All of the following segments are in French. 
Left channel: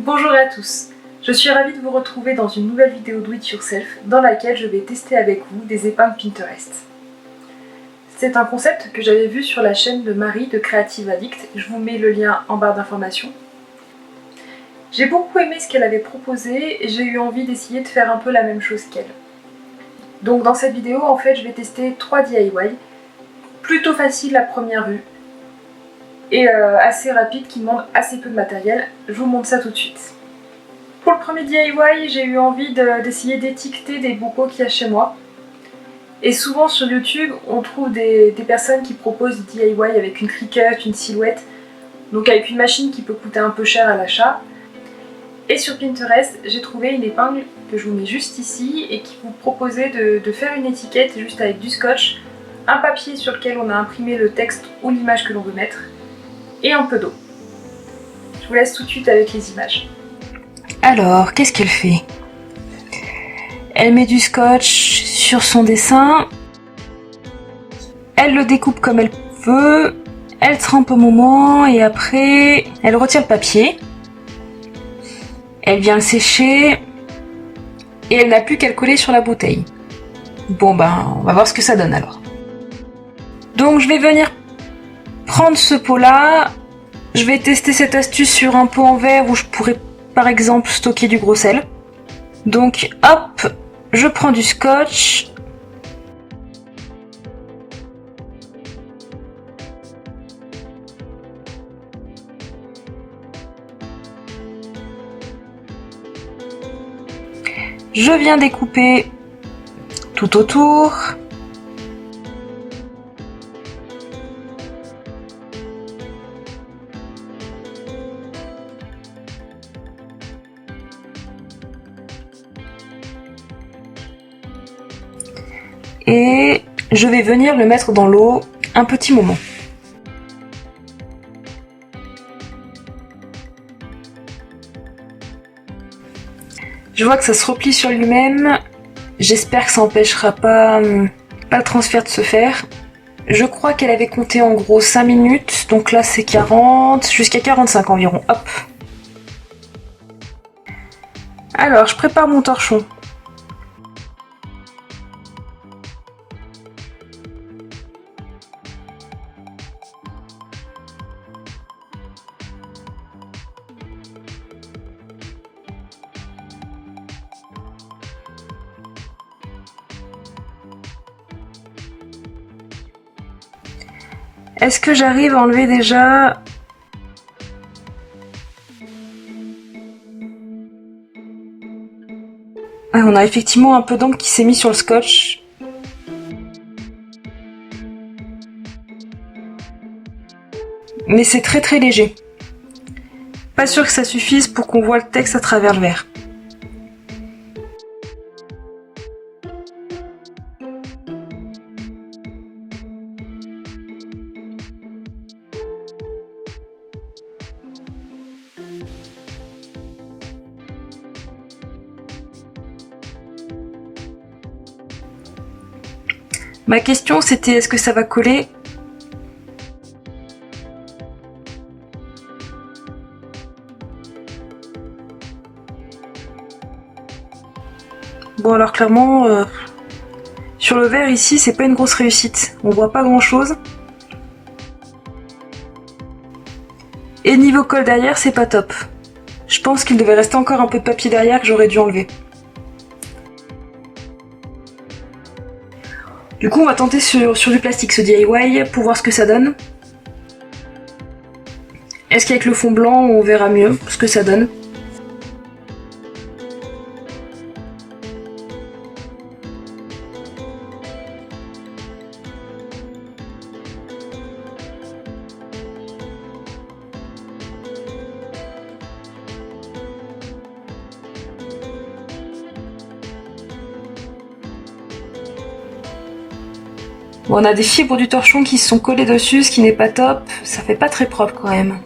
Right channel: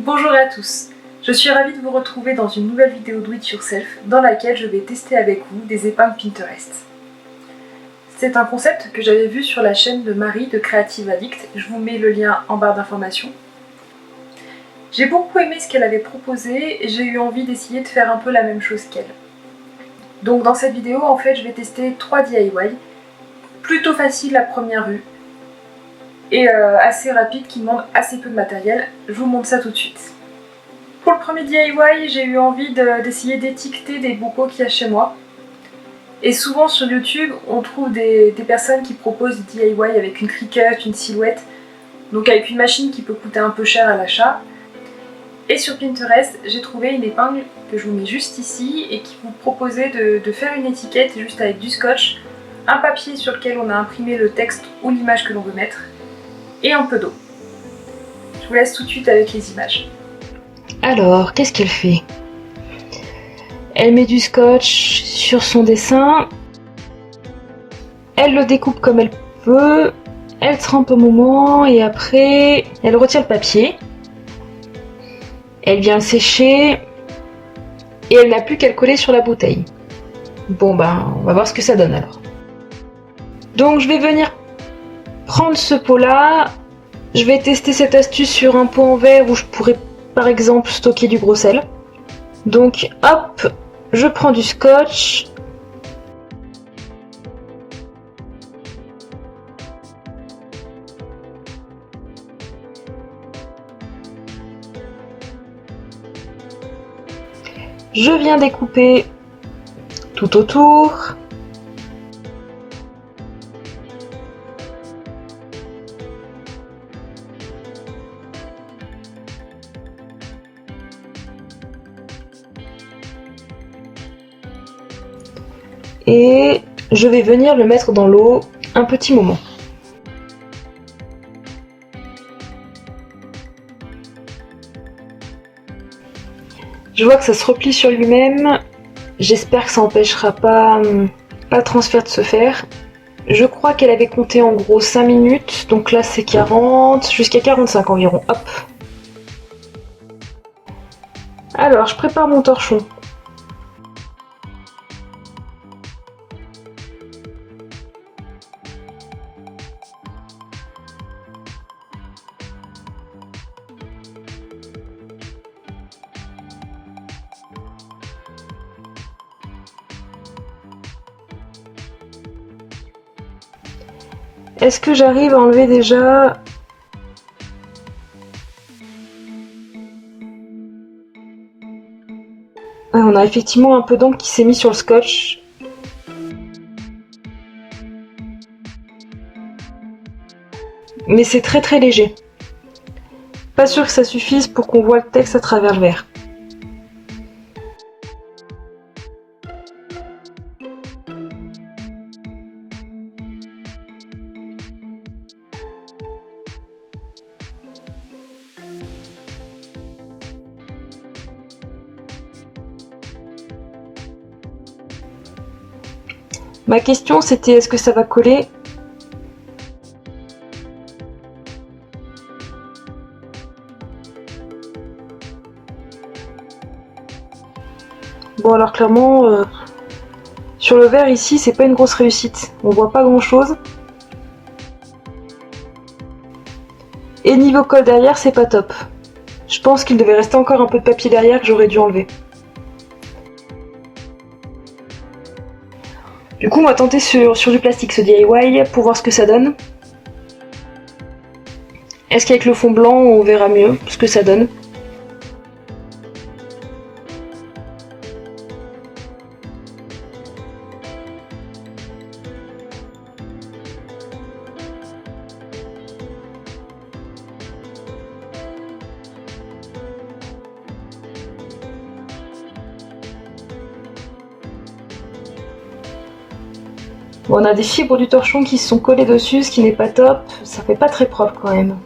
Bonjour à tous, je suis ravie de vous retrouver dans une nouvelle vidéo Do It Yourself dans laquelle je vais tester avec vous des épingles Pinterest. C'est un concept que j'avais vu sur la chaîne de Marie de Creative Addict, je vous mets le lien en barre d'informations. J'ai beaucoup aimé ce qu'elle avait proposé et j'ai eu envie d'essayer de faire un peu la même chose qu'elle. Donc dans cette vidéo, en fait, je vais tester 3 DIY, plutôt faciles à première vue et assez rapides qui demandent assez peu de matériel. Je vous montre ça tout de suite. Pour le premier DIY, j'ai eu envie d'essayer d'étiqueter des bocaux qu'il y a chez moi. Et souvent sur YouTube, on trouve des personnes qui proposent des DIY avec une Cricut, une silhouette, donc avec une machine qui peut coûter un peu cher à l'achat. Et sur Pinterest, j'ai trouvé une épingle que je vous mets juste ici et qui vous proposait de faire une étiquette juste avec du scotch, un papier sur lequel on a imprimé le texte ou l'image que l'on veut mettre, et un peu d'eau. Je vous laisse tout de suite avec les images. Alors, qu'est-ce qu'elle fait? Elle met du scotch sur son dessin, elle le découpe comme elle veut, elle trempe au moment et après elle retire le papier, elle vient le sécher et elle n'a plus qu'à le coller sur la bouteille. Bon ben, on va voir ce que ça donne alors. Donc je vais venir prendre ce pot-là, je vais tester cette astuce sur un pot en verre où je pourrais par exemple stocker du gros sel. Donc hop, je prends du scotch. Je viens découper tout autour. Et je vais venir le mettre dans l'eau un petit moment. Je vois que ça se replie sur lui-même. J'espère que ça n'empêchera pas le transfert de se faire. Je crois qu'elle avait compté en gros 5 minutes, donc là c'est 40, jusqu'à 45 environ. Hop. Alors, je prépare mon torchon. Est-ce que j'arrive à enlever déjà ? Ah, on a effectivement un peu d'encre qui s'est mis sur le scotch. Mais c'est très très léger. Pas sûr que ça suffise pour qu'on voit le texte à travers le verre. Ma question c'était est-ce que ça va coller ? Bon alors clairement, sur le verre ici c'est pas une grosse réussite, on voit pas grand chose. Et niveau colle derrière c'est pas top. Je pense qu'il devait rester encore un peu de papier derrière que j'aurais dû enlever. Du coup on va tenter sur du plastique ce DIY pour voir ce que ça donne. Est-ce qu'avec le fond blanc on verra mieux ce que ça donne ? Bon, on a des fibres du torchon qui se sont collées dessus, ce qui n'est pas top. Ça fait pas très propre quand même.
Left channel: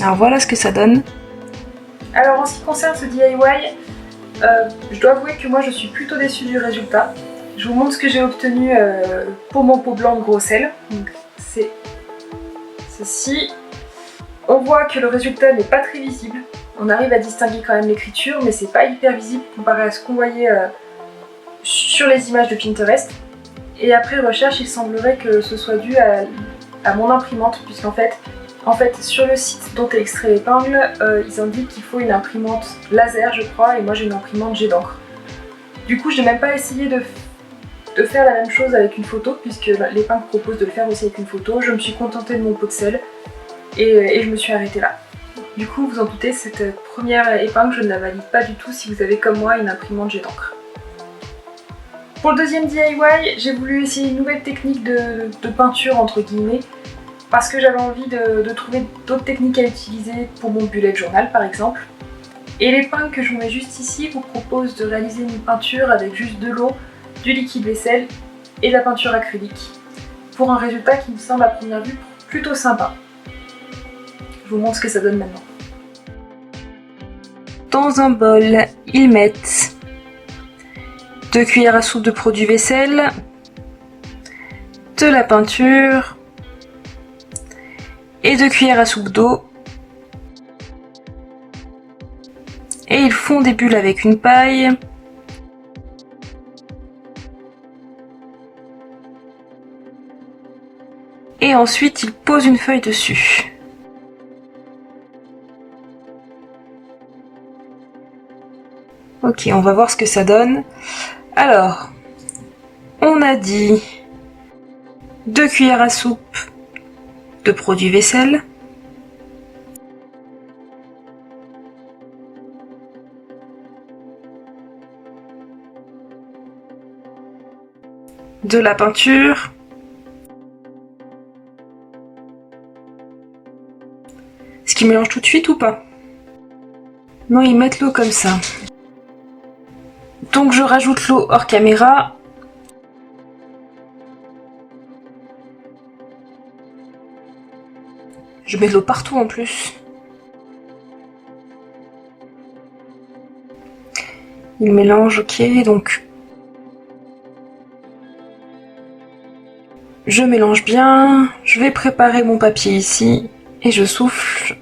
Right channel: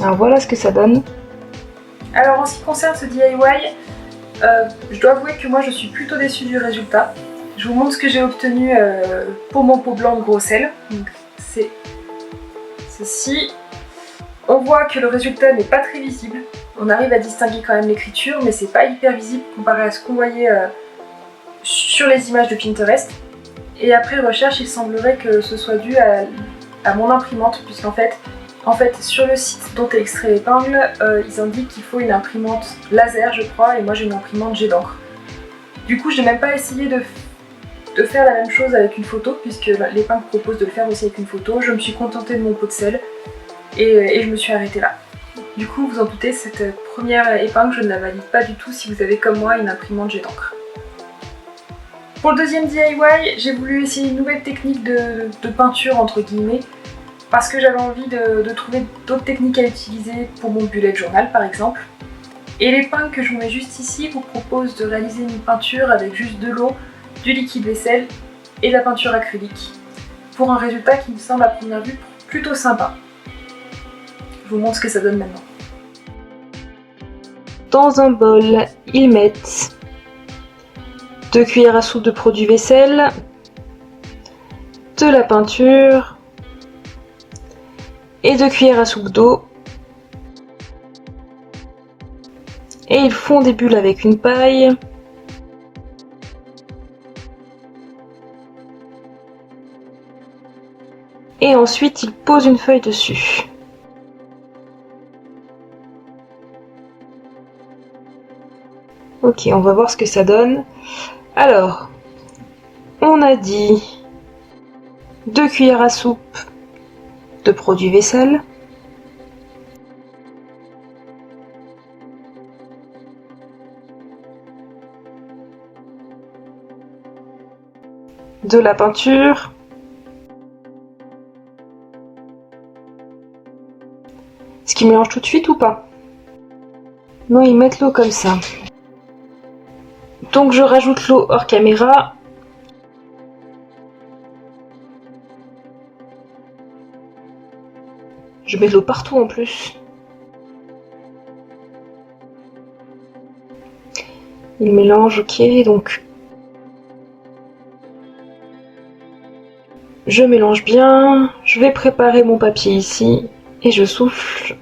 Alors voilà ce que ça donne. Alors en ce qui concerne ce DIY, je dois avouer que moi je suis plutôt déçue du résultat. Je vous montre ce que j'ai obtenu pour mon pot blanc de gros sel. Donc c'est ceci. On voit que le résultat n'est pas très visible. On arrive à distinguer quand même l'écriture, mais c'est pas hyper visible comparé à ce qu'on voyait sur les images de Pinterest. Et après recherche, il semblerait que ce soit dû à mon imprimante, puisqu'en fait, sur le site dont est extrait l'épingle, ils indiquent qu'il faut une imprimante laser, je crois, et moi j'ai une imprimante jet d'encre. Du coup, je n'ai même pas essayé de faire la même chose avec une photo, puisque l'épingle propose de le faire aussi avec une photo. Je me suis contentée de mon pot de sel et je me suis arrêtée là. Du coup, vous en doutez, cette première épingle, je ne la valide pas du tout si vous avez comme moi une imprimante jet d'encre. Pour le deuxième DIY, j'ai voulu essayer une nouvelle technique de peinture entre guillemets, parce que j'avais envie de trouver d'autres techniques à utiliser pour mon bullet journal par exemple. Et l'épingle que je vous mets juste ici vous propose de réaliser une peinture avec juste de l'eau, du liquide vaisselle et de la peinture acrylique, pour un résultat qui me semble à première vue plutôt sympa. Je vous montre ce que ça donne maintenant. Dans un bol, ils mettent 2 cuillères à soupe de produit vaisselle, de la peinture et 2 cuillères à soupe d'eau. Et ils font des bulles avec une paille. Et ensuite, ils posent une feuille dessus. Ok, on va voir ce que ça donne. Alors, on a dit 2 cuillères à soupe de produit vaisselle, de la peinture, est-ce qu'ils mélangent tout de suite ou pas? Non, ils mettent l'eau comme ça. Donc je rajoute l'eau hors caméra. Je mets de l'eau partout en plus. Il mélange, ok, donc je mélange bien. Je vais préparer mon papier ici et je souffle.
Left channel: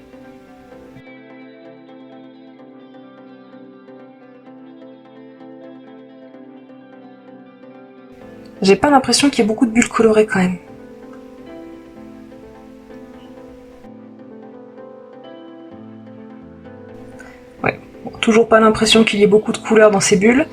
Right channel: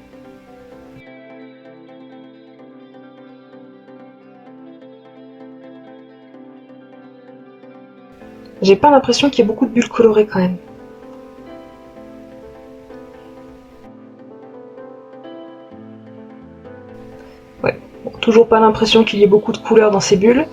J'ai pas l'impression qu'il y ait beaucoup de bulles colorées quand même. Ouais, bon, toujours pas l'impression qu'il y ait beaucoup de couleurs dans ces bulles.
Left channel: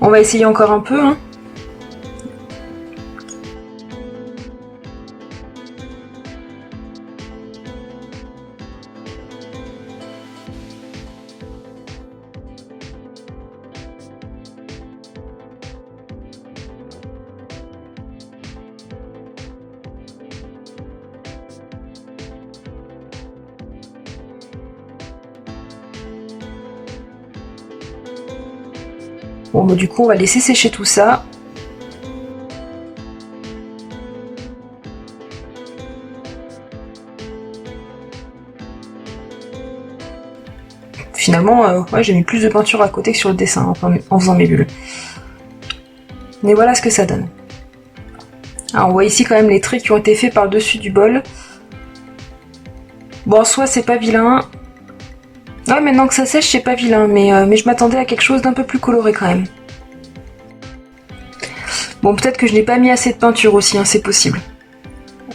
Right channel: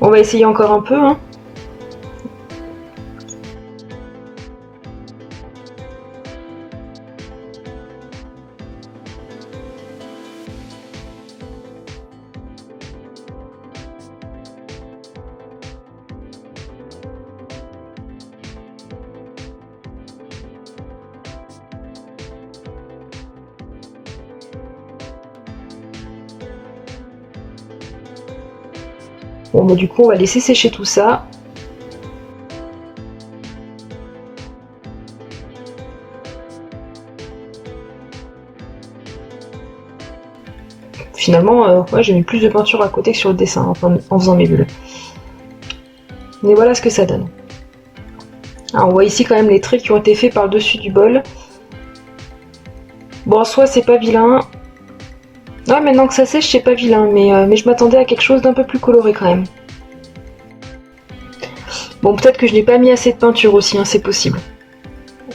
On va essayer encore un peu, hein. Bon bah du coup on va laisser sécher tout ça. Finalement, ouais, j'ai mis plus de peinture à côté que sur le dessin en faisant mes bulles. Mais voilà ce que ça donne. Alors on voit ici quand même les traits qui ont été faits par le dessus du bol. Bon en soi c'est pas vilain. Ouais, maintenant que ça sèche, c'est pas vilain, mais je m'attendais à quelque chose d'un peu plus coloré quand même. Bon, peut-être que je n'ai pas mis assez de peinture aussi, hein, c'est possible.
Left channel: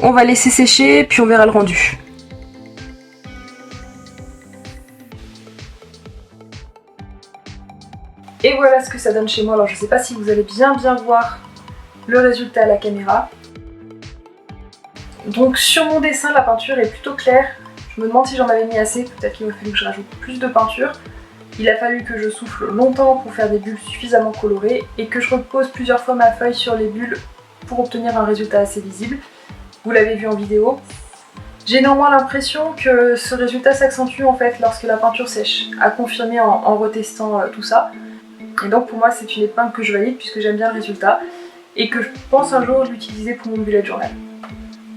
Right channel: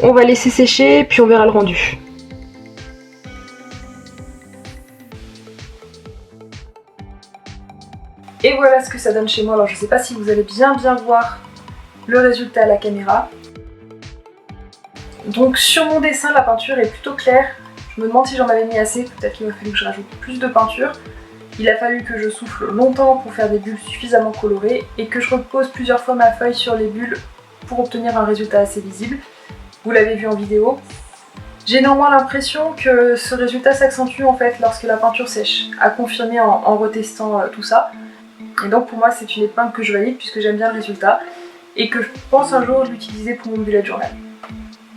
On va laisser sécher, puis on verra le rendu. Et voilà ce que ça donne chez moi. Alors je sais pas si vous allez bien voir le résultat à la caméra. Donc sur mon dessin, la peinture est plutôt claire. Je me demande si j'en avais mis assez, peut-être qu'il m'a fallu que je rajoute plus de peinture. Il a fallu que je souffle longtemps pour faire des bulles suffisamment colorées et que je repose plusieurs fois ma feuille sur les bulles pour obtenir un résultat assez visible. Vous l'avez vu en vidéo. J'ai néanmoins l'impression que ce résultat s'accentue en fait lorsque la peinture sèche, à confirmer en retestant tout ça. Et donc pour moi c'est une épingle que je valide puisque j'aime bien le résultat et que je pense un jour l'utiliser pour mon bullet journal.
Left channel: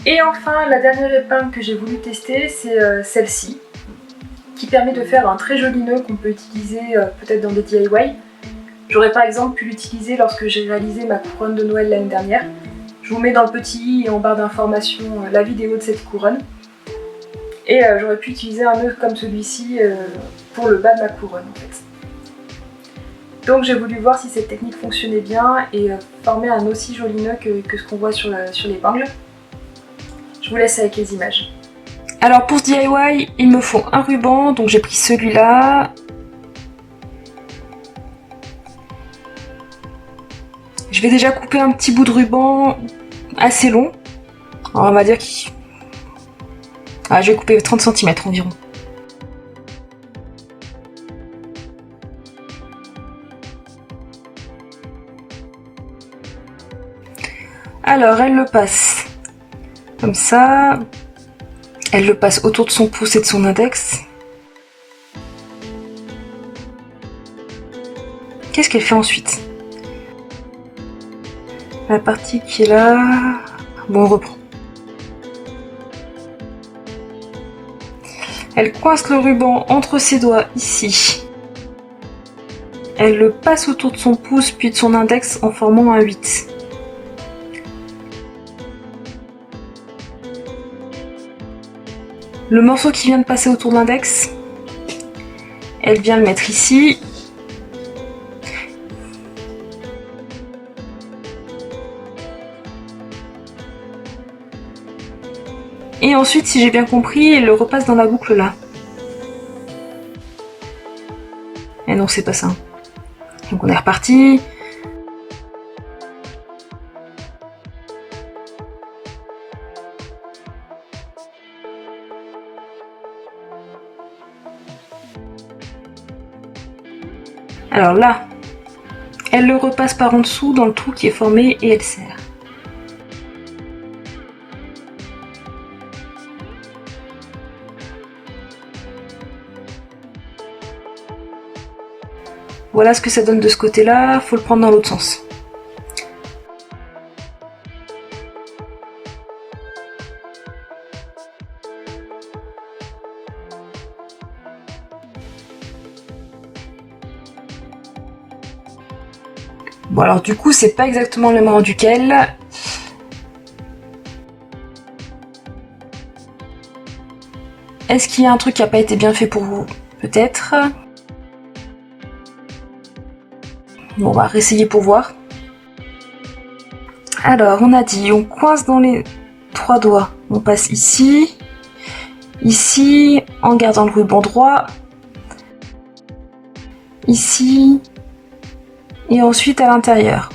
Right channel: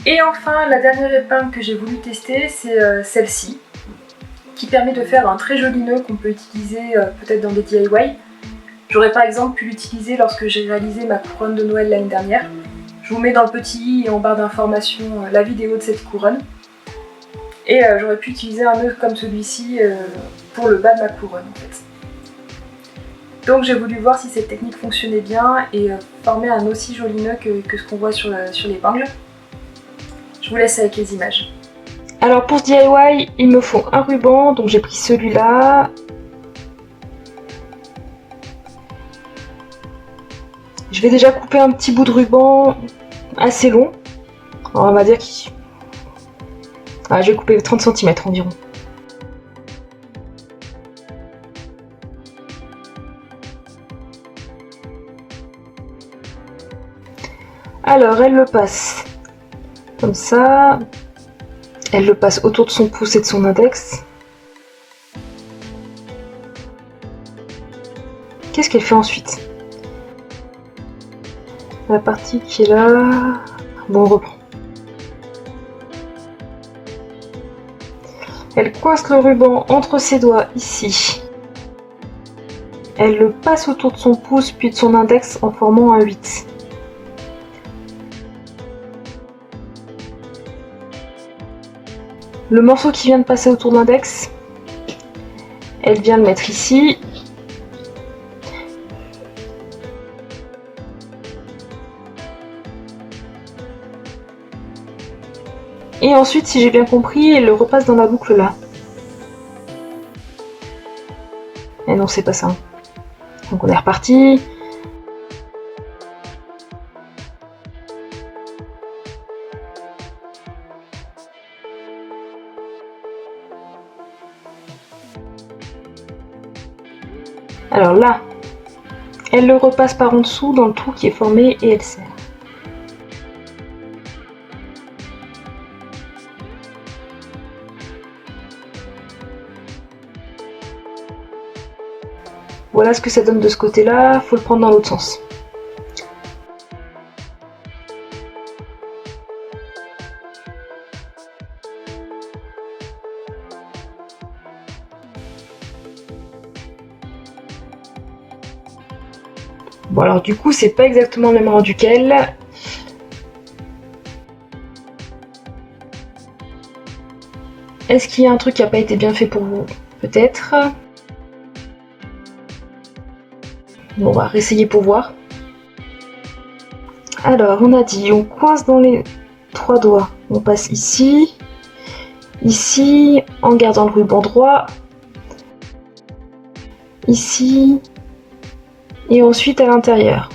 Et enfin la dernière épingle que j'ai voulu tester c'est celle-ci, qui permet de faire un très joli nœud qu'on peut utiliser peut-être dans des DIY. J'aurais par exemple pu l'utiliser lorsque j'ai réalisé ma couronne de Noël l'année dernière. Je vous mets dans le petit i et en barre d'informations la vidéo de cette couronne. Et j'aurais pu utiliser un nœud comme celui-ci pour le bas de ma couronne en fait. Donc j'ai voulu voir si cette technique fonctionnait bien et former un aussi joli nœud que ce qu'on voit sur l'épingle. Je vous laisse avec les images. Alors pour ce DIY, il me faut un ruban, donc j'ai pris celui-là. Je vais déjà couper un petit bout de ruban assez long. Alors on va dire qu'il... je vais couper 30 cm environ. Alors elle le passe comme ça. Elle le passe autour de son pouce et de son index. Qu'est-ce qu'elle fait ensuite? La partie qui est là... Bon, on reprend. Elle coince le ruban entre ses doigts ici. Elle le passe autour de son pouce puis de son index en formant un 8. Le morceau qui vient de passer autour de l'index, elle vient le mettre ici. Et ensuite, si j'ai bien compris, elle le repasse dans la boucle là. Et non, c'est pas ça. Donc on est reparti. Alors là, elle le repasse par en dessous dans le trou qui est formé et elle serre. Voilà ce que ça donne de ce côté-là, faut le prendre dans l'autre sens. Bon alors du coup c'est pas exactement le même rendu qu'elle. Est-ce qu'il y a un truc qui n'a pas été bien fait pour vous? Peut-être. Bon, on va réessayer pour voir. Alors, on a dit, on coince dans les 3 doigts. On passe ici, ici, en gardant le ruban droit, ici, et ensuite à l'intérieur.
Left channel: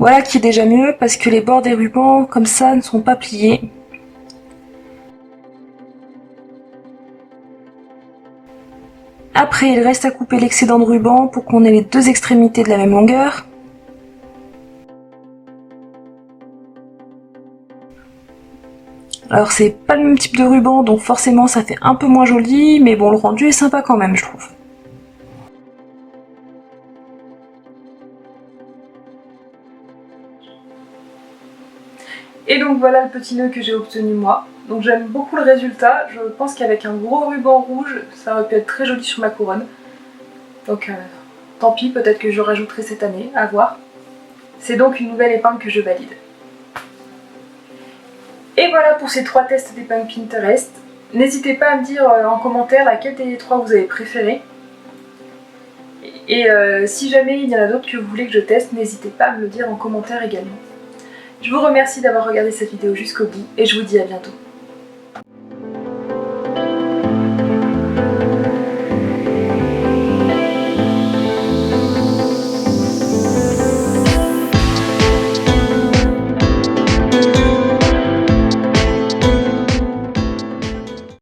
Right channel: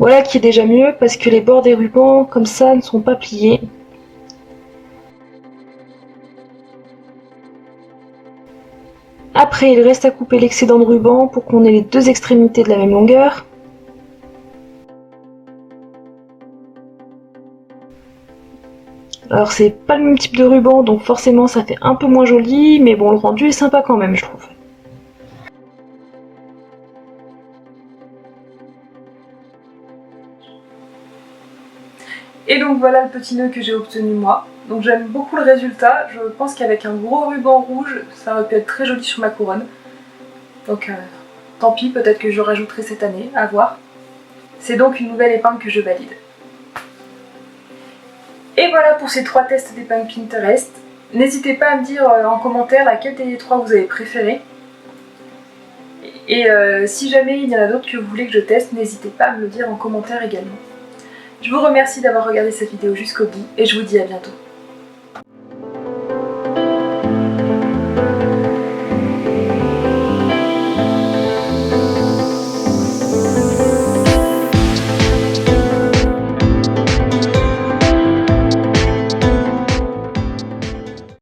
Voilà qui est déjà mieux parce que les bords des rubans comme ça ne sont pas pliés. Après il reste à couper l'excédent de ruban pour qu'on ait les deux extrémités de la même longueur. Alors c'est pas le même type de ruban donc forcément ça fait un peu moins joli mais bon le rendu est sympa quand même je trouve. Et donc voilà le petit nœud que j'ai obtenu moi. Donc j'aime beaucoup le résultat, je pense qu'avec un gros ruban rouge, ça aurait pu être très joli sur ma couronne. Donc tant pis, peut-être que je rajouterai cette année, à voir. C'est donc une nouvelle épingle que je valide. Et voilà pour ces 3 tests d'épingle Pinterest. N'hésitez pas à me dire en commentaire laquelle des 3 vous avez préféré. Et si jamais il y en a d'autres que vous voulez que je teste, n'hésitez pas à me le dire en commentaire également. Je vous remercie d'avoir regardé cette vidéo jusqu'au bout et je vous dis à bientôt.